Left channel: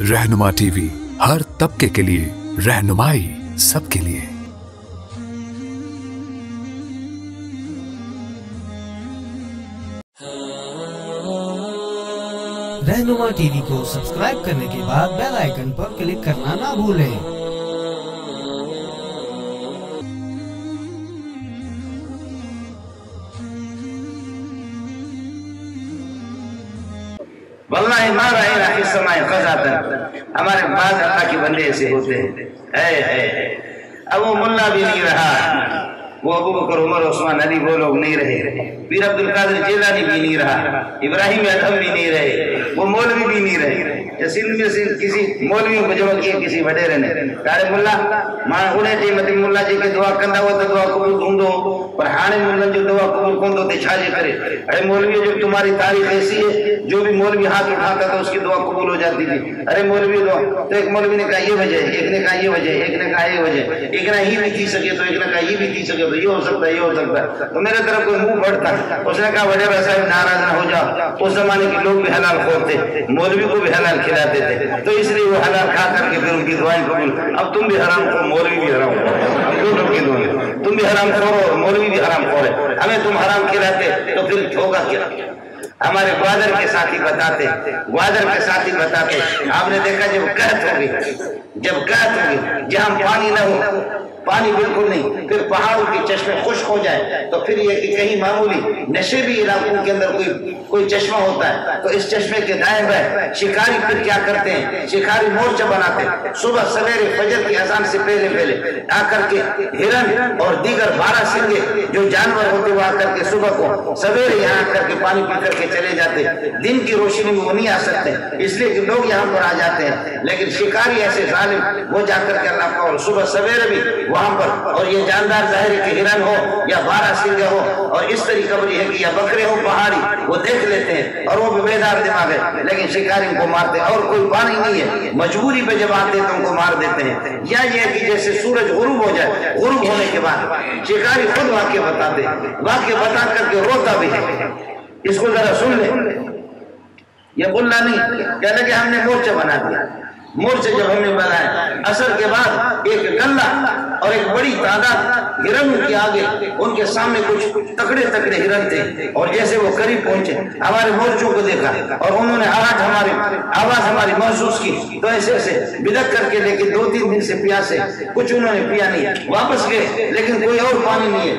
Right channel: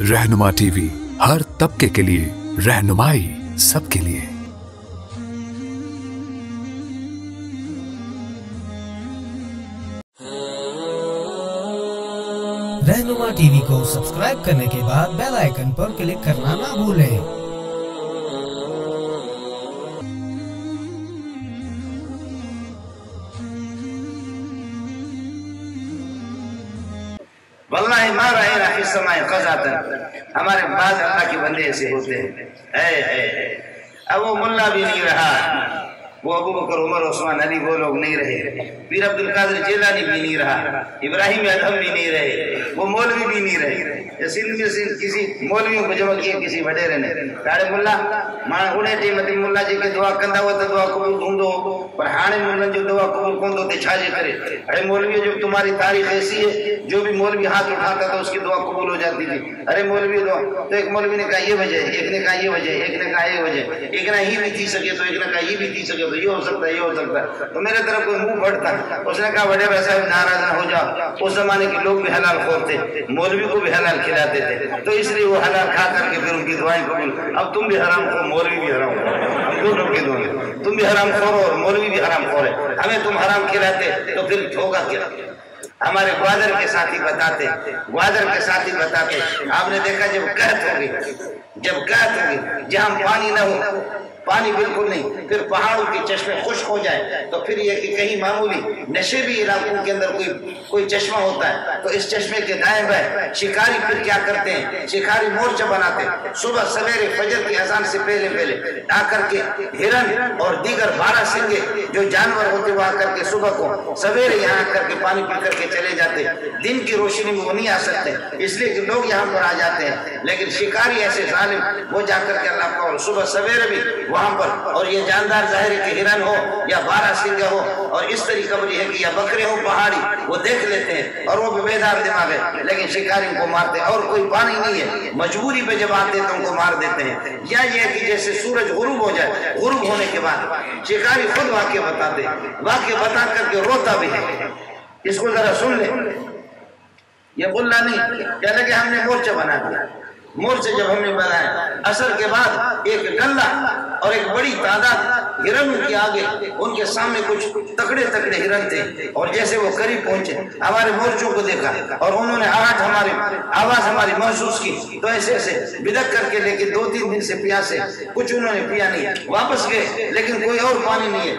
रहनुमा टीवी, हर तबके के लिए रहनुमाई सबके लिए। रहनुमा टीवी को सब्सक्राइब करने के बाद बेल आइकन पर क्लिक करना ना भूलें। वल्लाहि मा रअयना इस समय क़ज़ातन, हमारे बाद अल्लाह के बंदे ऐसे होते हैं। अब वो मुल्ला भी नहीं रहा, वो अबू बकर उमर उस्मान अली वो लोग नहीं रहे, पीर अब्दुल कादिर जिलानी भी नहीं रहा, इब्राहिम अदहम भी नहीं रहे, वो मौलवी भी नहीं रहे। सिंध में से किसी मौलवियों को जमा किया किसी वडेरे ने, तारे मुल्ला मां उन्हें टीम ते मुल्ला जी के दुआ कंदा हो तो दुआ कबूल होंदो, पर हाणे मुल्लन जो दुआ कबूल कोंदो ते छाजे करे। अरे मौलवी, जब तुम्हारी तारीख ऐसी है, जो भी मौलवी हाथ उठाता था उसकी दुआ कबूल हो जाती थी। अरे मौलवी दुआ, तो एक मौलवी ने कहा ये वजह, एक ने कहा ये वजह, एक ने कहा ये वजह, एक ने ही भी थी सके तो एक ने कहा ये भी थी सके तो ये हो सकता है, ये हो सकता है। तो मेरे तरफ कोई मुंह बढ़ता, उसने कहा वडेरा साहब नाराज ना हो जाओ, उस जमाने के लोग भी हलाल खोर थे, मौलवी को भी हलाल खिलाते थे, तो इसलिए वो हलाल खा करके फिर उनकी दुआएं कबूल। अब तुम भी हराम खोर, मौलवी भी हराम खोर, हम दोनों के दोनों, तुम भी हराम खोर और मौलवी भी हराम खोर है। हमें तुम हराम खिलाते तो फिर होगा क्या? हमारे ग्वादर के साथी बताते, आपने देखा जब कहत होगी, जहां पानी न हो, पानी बिल्कुल नहीं, फिर पहाड़ों के चश्मे खुश्क हो जाए, तो फिर ये कि कहीं मामूली नशेबी इलाकों के अंदर कोई चश्मा होता है, तो इस चश्मे के दाएं बाएं शिकारी फिर क्या करते हैं, शिकारी मोर्चा बनाते हैं। सुबह सवेरे फजर की अजान से पहले आकर के हिरन और दीगर 12 सिंगे जो जानवर होते वो आकर के सुबह को सवेरे यहाँ आकर के पानी पी करके चले जाते। दिन की रोशनी में वो नहीं आ सकते, इसलिए कि लोग यहाँ पर आ जाते हैं, लेकिन शिकारी ऐसे जालिम वो जाकर के अल्लाह का सुबह सवेरे भी वहां पर, और ये जानदार ज़ाहिर के हिरन हो या 12 सिंगे हो, और इस तरीके कबरी है कि या बकरे हो पहाड़ी, वो देख लेते हैं और वो बेदार दिमाग है, लेकिन शिकारी को मारते हैं और कोई पानी नहीं है, मजबूरी पे जब आते हैं तो उनको मार देते हैं। या ये कि जैसे सूरज गुरूब हो जाए, गुरूब होने के बाद शिकारी खुद वाक्य बताते, वाक्य बता करके रोता भी है। इसको जरा सुन ले, ये मुल्ला नहीं कह लगे हमने मोर्चा बना दिया। मोर्चे जब हमने बनाए, असर के बाद एक गल्ला और एक बड़ी तादाद हिरन के आगे, उनके सामने कुछ तकड़े हिरन थे, और जैसे वो करीब पहुंचे हमारे मोर्चों को देखा और उन्होंने आवाज हमारी महसूस की, तो ऐसे बिदक करके लेके 2-3 दिन से प्यासे, कुछ उन्होंने पिया नहीं, वापस गए, लेकिन कोई और पानी नहीं है।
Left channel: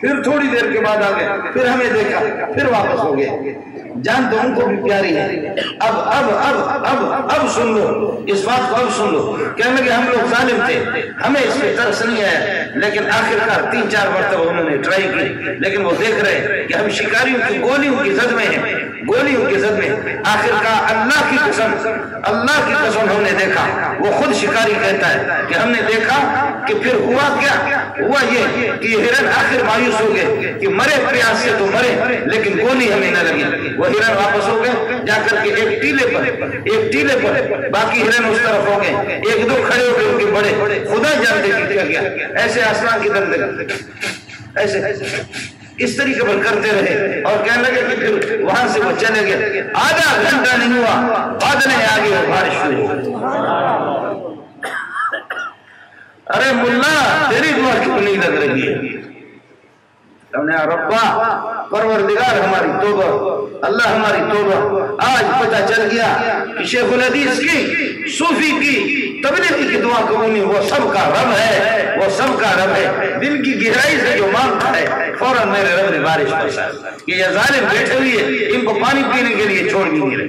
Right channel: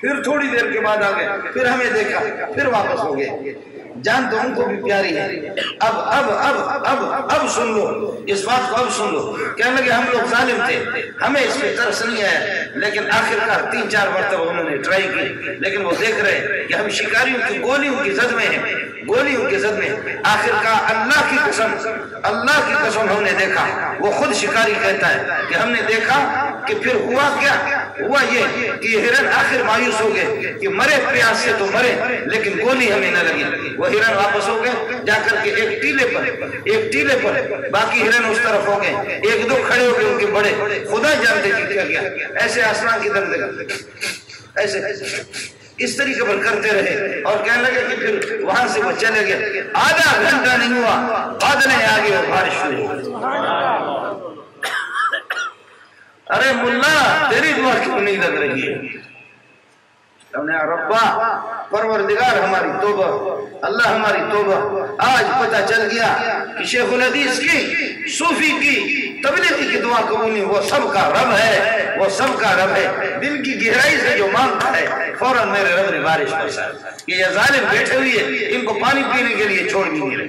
फिर थोड़ी देर के बाद आ गए, फिर हमें देखा, फिर वापस हो गए। जान तो उनको भी प्यारी है। अब सुन लो, इस बात को अब सुन लो। कहने लगे हम लोग जालिम थे, हमें इस पे तरस नहीं आया, लेकिन आखिरकार 3-4 मरतबा उन्होंने ट्राई की, लेकिन वो देख रहे कि हम शिकारियों की गोलियों की जद में हैं, गोलियों की जद में। आखिरकार अल्लाह की कसम हमने देखा, वो खुद शिकारी कहता है कि हमने देखा कि फिर हुआ क्या, हुआ ये कि हिरन आखिर मायूस हो गए कि मरे प्यास से तो मरे, लेकिन गोली हमें न लगी। वो हिरन वापस हो गए, जाकर के एक टीले पर बाकी हिरन उस तरफ हो गए, 1-2 खड़े हो गए उनके बड़े, खुदा जानते कि क्या गया, ऐसे आसमान की तरफ ऐसे इस तरीके पर करते रहे, और कहने लगे कि फिर वहां से वो चले गए। आधा घंटा नहीं हुआ, बादलें आ गई और बारिश शुरू हो गई। अरे मुल्ला, तेरी दुआ क्यों नहीं लग रही है? हमने रब्बा परवरदिगार हमारी तौबा, अल्लाह हमारी तौबा। आज पता चल गया कि शेखुल हदीस की, सूफी की, तबलीगी की दुआ कबूल नहीं, वो सबका रब है, वो सबका रब है। दिल की गहराई से जो मांगता है, फौरन मेरे रब ने बारिश बरसा कि ये जालिम बैठे हुए इनको पानी पीने के लिए छोड़ भी नहीं रहे।